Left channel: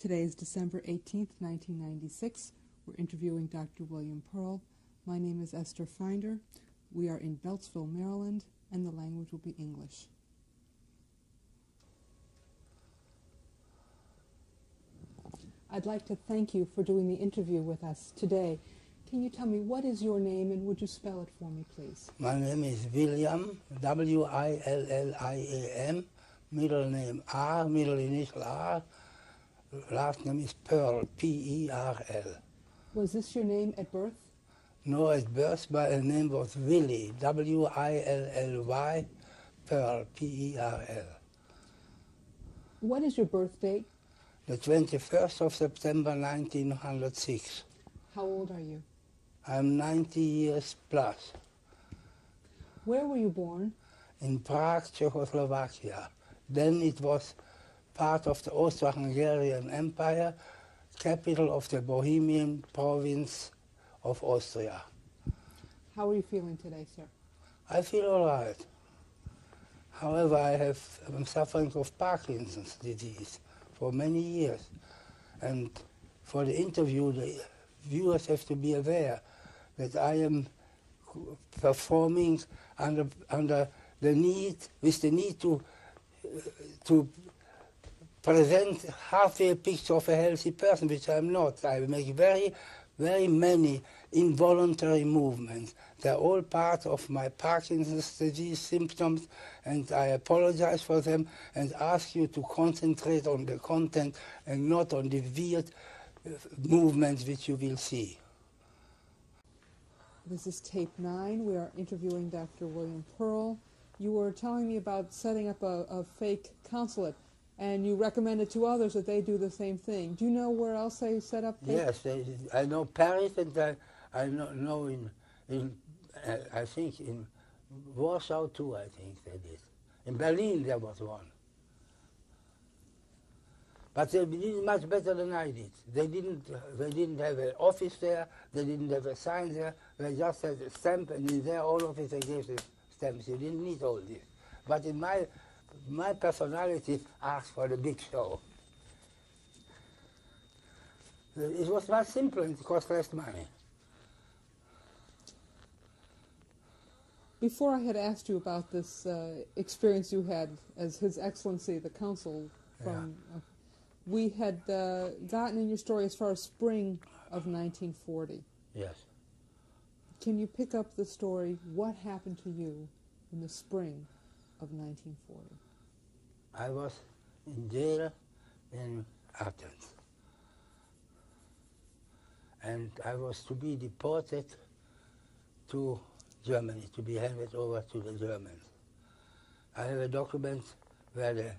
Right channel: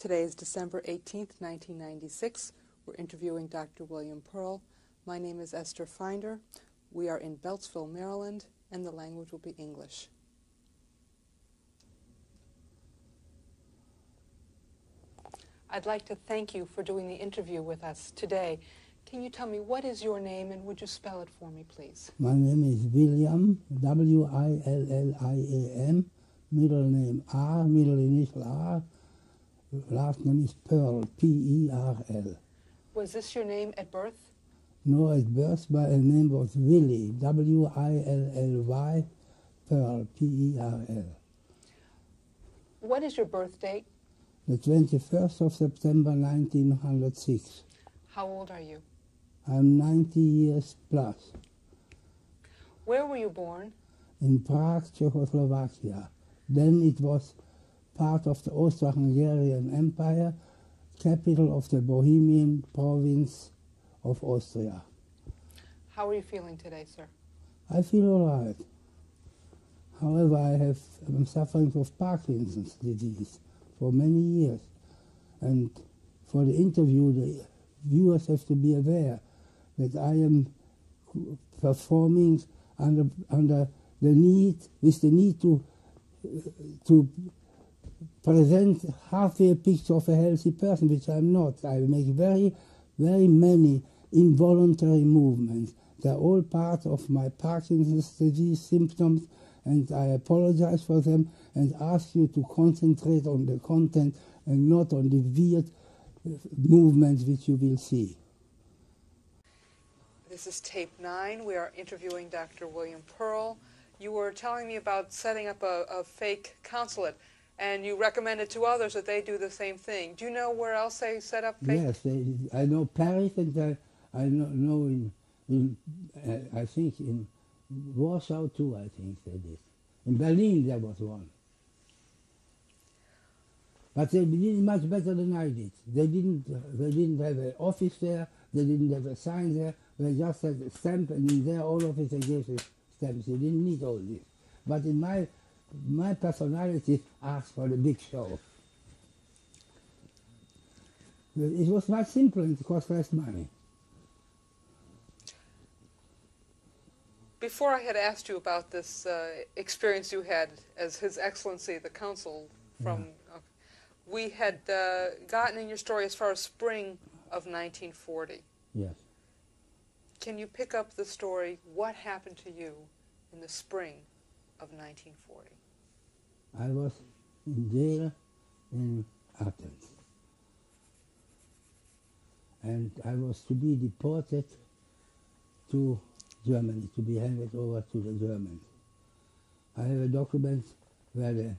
Today is December 18th, 1996. We're interviewing Dr. William Pearl. My name is Esther Finder. We are in Beltsville, Maryland, and the language will be English. I'd like to thank you for doing the interview with us today. Can you tell me what is your name, and would you spell it for me, please? My name is William, W-I-L-L-I-A-M, middle name R, middle initial R, last name is Pearl, P-E-R-L. Was this your name at birth? No, at birth my name was Willie, W-I-L-L-Y, Pearl, P-E-R-L. What is your birth date? The 21st of September 1906. How old are you? I'm 90 years plus. Where were you born? In Prague, Czechoslovakia. Then it was part of the Austro-Hungarian Empire, capital of the Bohemian province of Austria. How are you feeling today, sir? I feel all right. However, I'm suffering of Parkinson's disease for many years. And for the interview, the viewers have to be aware that I am performing under the need, with the need to present halfway a picture of a healthy person, which I'm not. I make very, very many involuntary movements. They're all part of my Parkinson's disease symptoms, and I apologize for them and ask you to concentrate on the content and not on the weird movements which you will see. This is tape 9. We are interviewing Dr. William Pearl. You were telling me about setting up a fake consulate, and you recommended to others that they do the same thing. Do you know where else they set up fake? Yes, I know Paris, and I know I think in Warsaw too, I think they did. In Berlin there was one. But they did it much better than I did. They didn't have an office there, they didn't have a sign there, they just had a stamp, and in their own office they gave the stamps. You didn't need all this. But in my personality asked for the big show. It was much simpler and it cost less money. Before I had asked you about this experience you had as His Excellency the Consul from, we had gotten in your story as far as spring of 1940. Yes. Can you pick up the story? What happened to you in the spring of 1940? I was in jail in Athens. And I was to be deported to Germany, to be handed over to the Germans. I have a document where the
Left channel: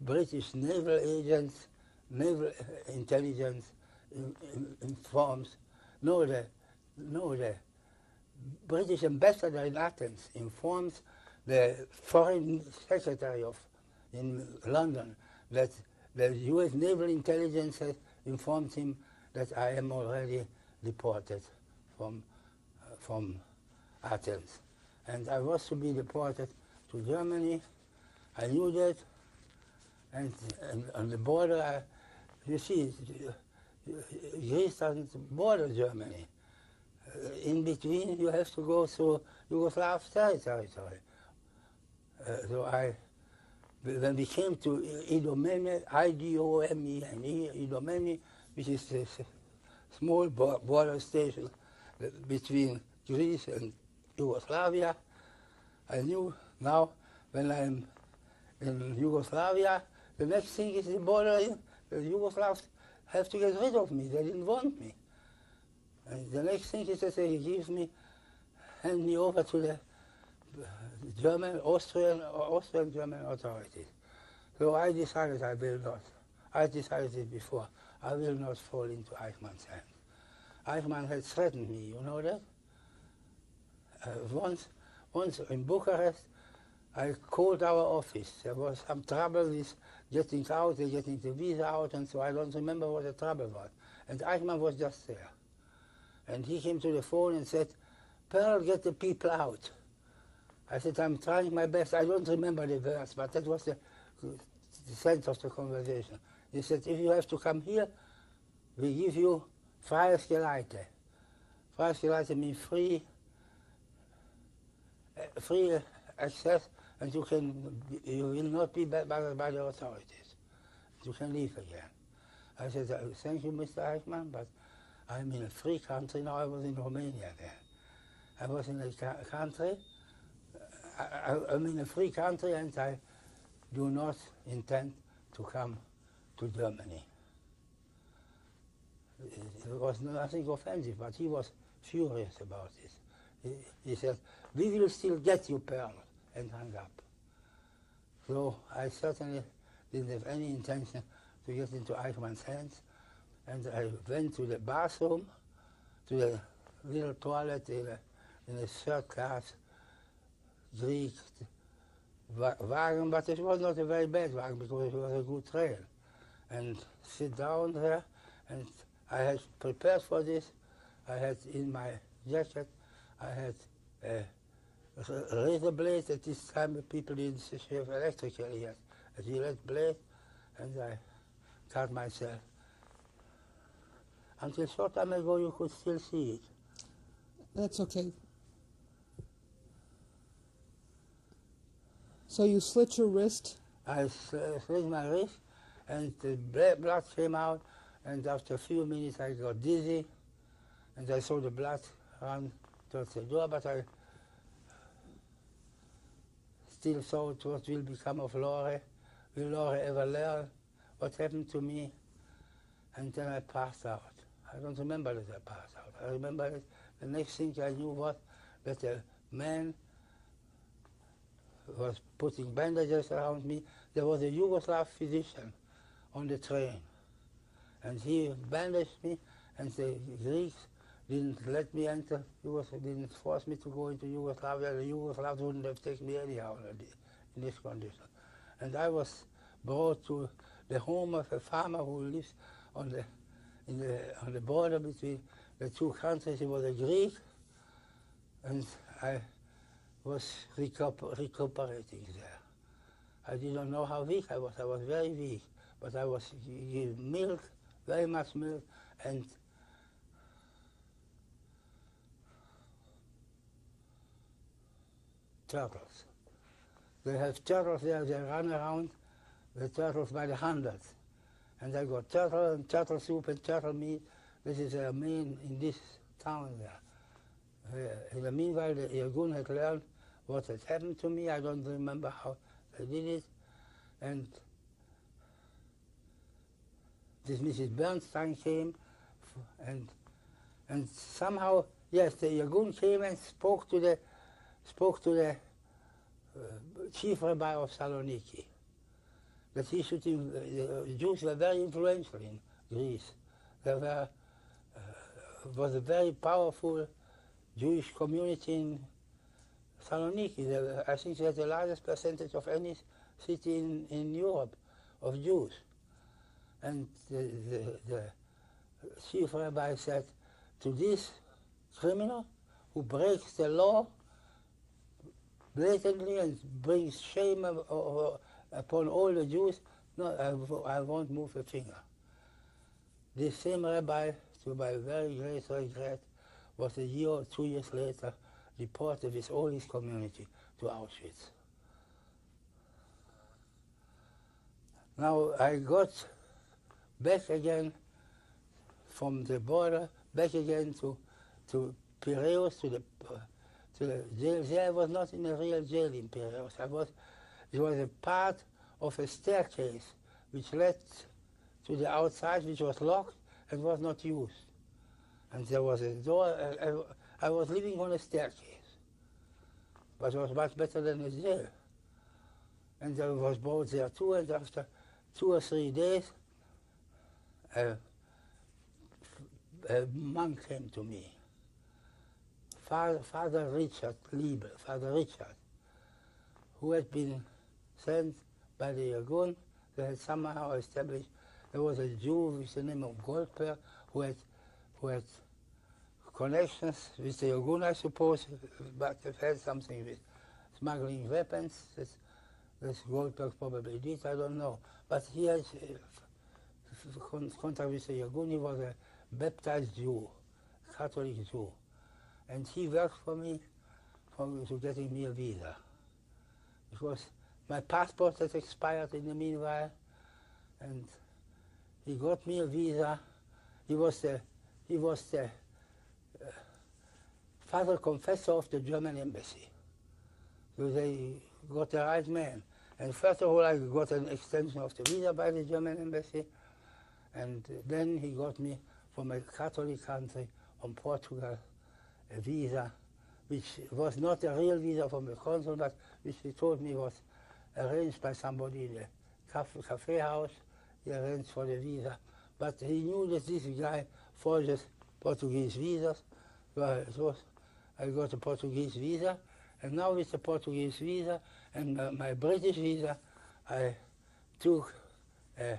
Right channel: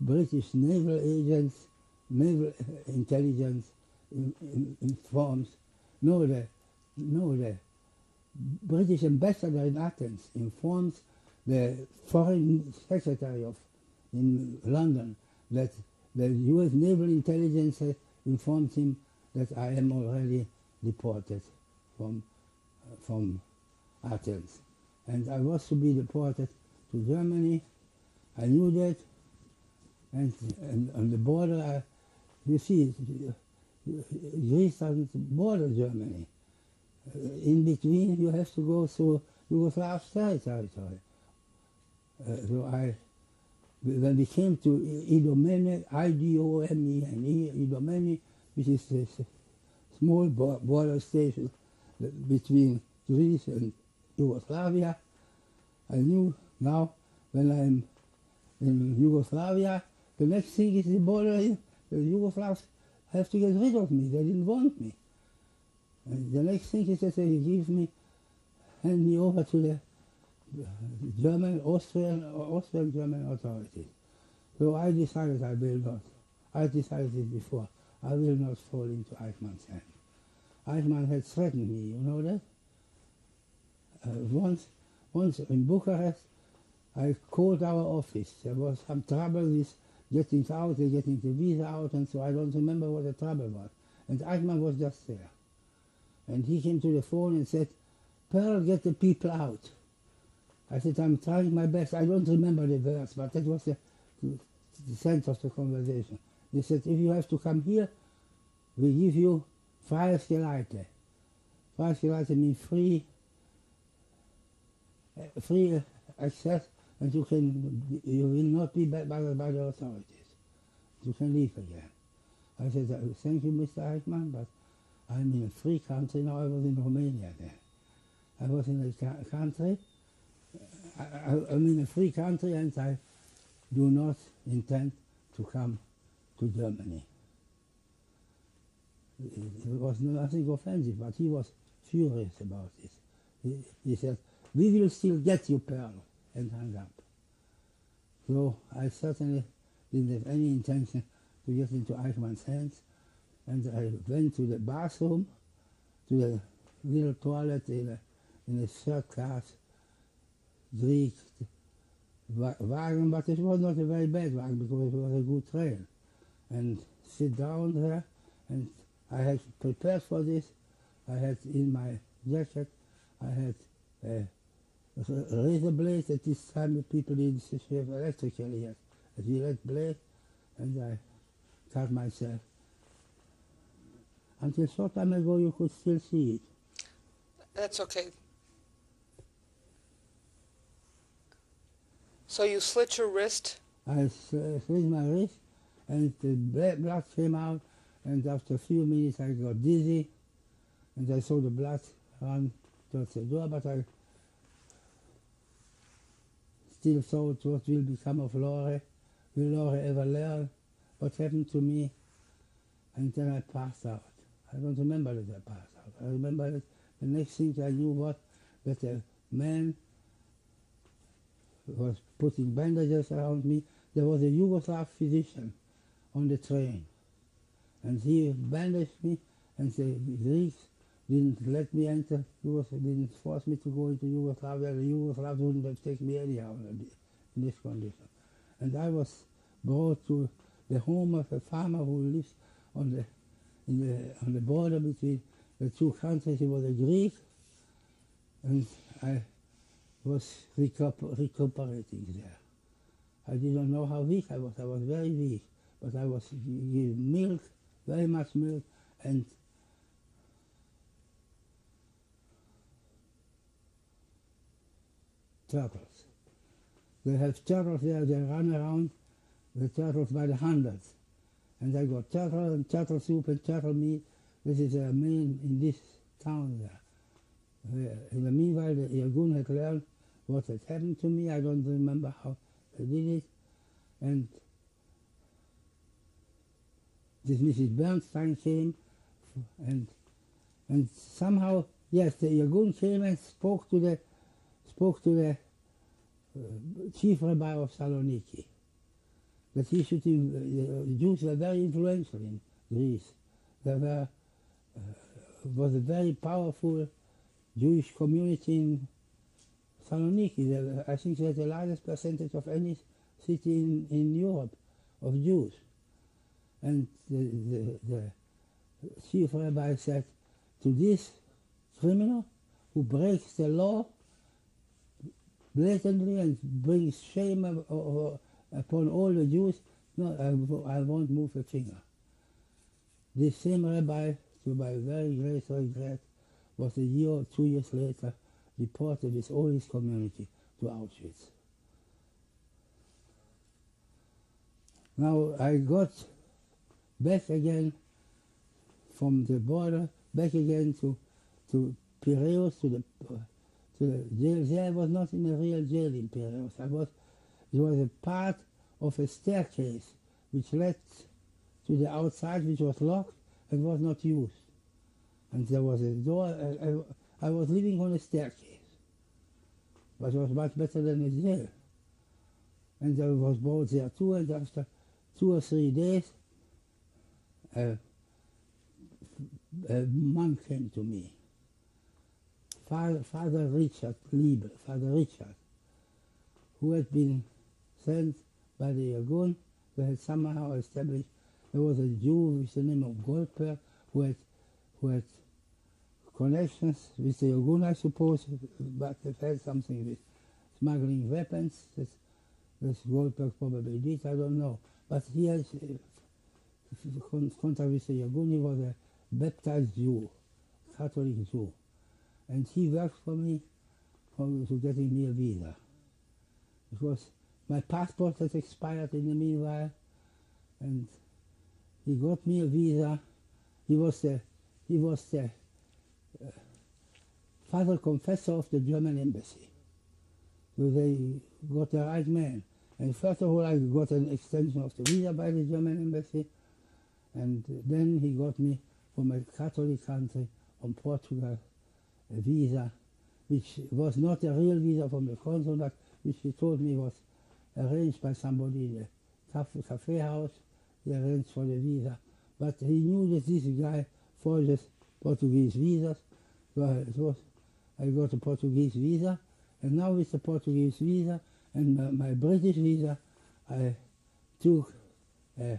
British naval agents, naval intelligence informs, the British ambassador in Athens informs the foreign secretary in London that the US naval intelligence has informed him that I am already deported from Athens. And I was to be deported to Germany. I knew that. And on the border, you see, Greece doesn't border Germany. In between, you have to go through Yugoslav territory. So when we came to Idomeni, I-D-O-M-E-N-E, Idomeni, which is a small border station between Greece and Yugoslavia, I knew now when I'm in Yugoslavia, the next thing is the border. The Yugoslavs have to get rid of me. They didn't want me. And the next thing is that they hand me over to the Austrian-German authorities. So I decided I will not. I decided it before. I will not fall into Eichmann's hands. Eichmann had threatened me, you know that? Once in Bucharest, I called our office. There was some trouble with getting out, getting the visa out, and so I don't remember what the trouble was. And Eichmann was just there. And he came to the phone and said, "Pearl, get the people out." I said, "I'm trying my best." I don't remember the words, but that was the the center of the conversation. He said, if you have to come here, we give you freies Geleite. Freies Geleite means free access, and you will not be bothered by the authorities. You can leave again. I said, thank you, Mr. Eichmann, but I'm in a free country now. I was in Romania then. I was in a country, I'm in a free country, and I do not intend to come to Germany. It was nothing offensive, but he was furious about this. He said, we will still get you, Pearl, and hung up. So I certainly didn't have any intention to get into Eichmann's hands, and I went to the bathroom, to the little toilet in a third-class Greek wagon, but it was not a very bad wagon because it was a good train. And sit down there, and I had prepared for this. I had in my jacket, I had a razor blade. At this time, the people didn't shave electrically yet. A Gillette blade, and I cut myself. Until short time ago, you could still see it. That's okay. So you slit your wrist? I slit my wrist, and the blood came out, and after a few minutes I got dizzy, and I saw the blood run towards the door, but I still thought what will become of Lore. Will Lore ever learn what happened to me? And then I passed out. I don't remember that I passed out. I remember that the next thing I knew that a man was putting bandages around me. There was a Yugoslav physician on the train, and he bandaged me, and the Greeks didn't let me enter, didn't force me to go into Yugoslavia. The Yugoslavs wouldn't have taken me anyhow in this condition. And I was brought to the home of a farmer who lives on the border between the two countries. He was a Greek, and I was recuperating there. I didn't know how weak I was. I was very weak, but I was given milk, very much milk, and turtles. They have turtles there. They run around the turtles by the hundreds. And I got turtle and turtle soup and turtle meat. This is their main in this town there. In the meanwhile, the irgun had learned what had happened to me. I don't remember how they did it. And this Mrs. Bernstein came, and somehow, yes, the irgun came and spoke to the chief rabbi of Saloniki, that he should, the Jews were very influential in Greece. There was a very powerful Jewish community in Saloniki. I think they had the largest percentage of any city in Europe of Jews. And the chief rabbi said, to this criminal who breaks the law blatantly and brings shame upon all the Jews, no, I won't move a finger. This same rabbi, to my very great regret, was a year or 2 years later deported with all his community to Auschwitz. Now I got back again from the border, back again to Piraeus, to the jail. There I was not in a real jail in Piraeus. It was a part of a staircase which led to the outside, which was locked and was not used. And there was a door. I was living on a staircase, but it was much better than a jail. And I was brought there too, and after 2 or 3 days, a monk came to me, Father Richard Liebe, Father Richard, who had been sent by the irgun. They had somehow established, there was a Jew with the name of Goldberg who had connections with the irgun, I suppose, but had something with smuggling weapons. This Goldberg probably did, I don't know. But he has contact with the irgun. He was a baptized Jew, Catholic Jew. And he worked for me to getting me a visa. Because my passport has expired in the meanwhile, and he got me a visa. He was the father confessor of the German embassy. So they got the right man. And first of all, I got an extension of the visa by the German embassy, and then he got me from a Catholic country, from Portugal, a visa, which was not a real visa from the consul, but which he told me was arranged by somebody in the cafe house. He arranged for the visa. But he knew that this guy forges Portuguese visas, so I got a Portuguese visa, and now with the Portuguese visa and my British visa, I took a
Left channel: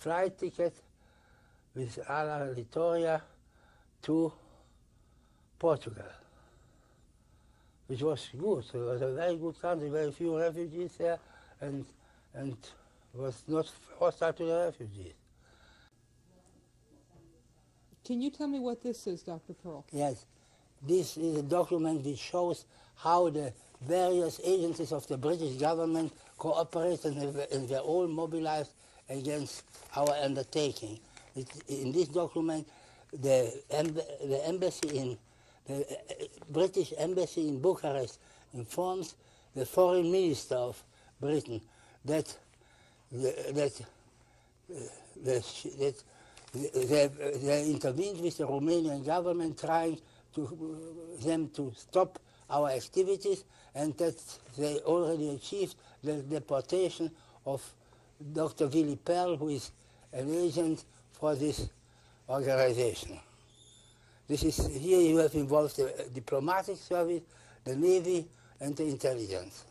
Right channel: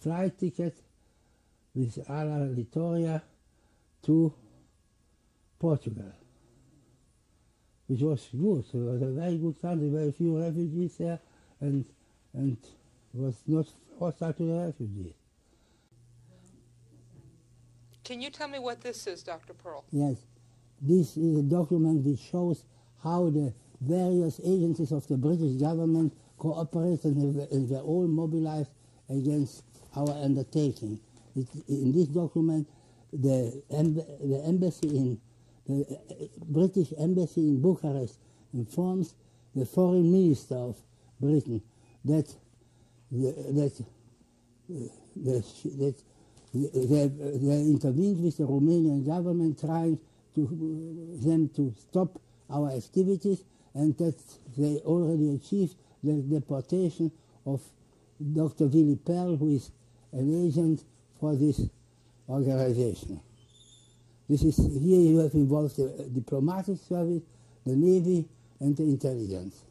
flight ticket with Ala Litoria to Portugal, which was good. It was a very good country, very few refugees there, and was not hostile to the refugees. Can you tell me what this is, Dr. Pearl? Yes, this is a document which shows how the various agencies of the British government cooperate and they're all mobilized against our undertaking. In this document, the British embassy in Bucharest informs the foreign minister of Britain that they intervened with the Romanian government, trying them to stop our activities, and that they already achieved the deportation of Dr. Willy Perl, who is an agent for this organization. Here you have involved the diplomatic service, the Navy, and the intelligence.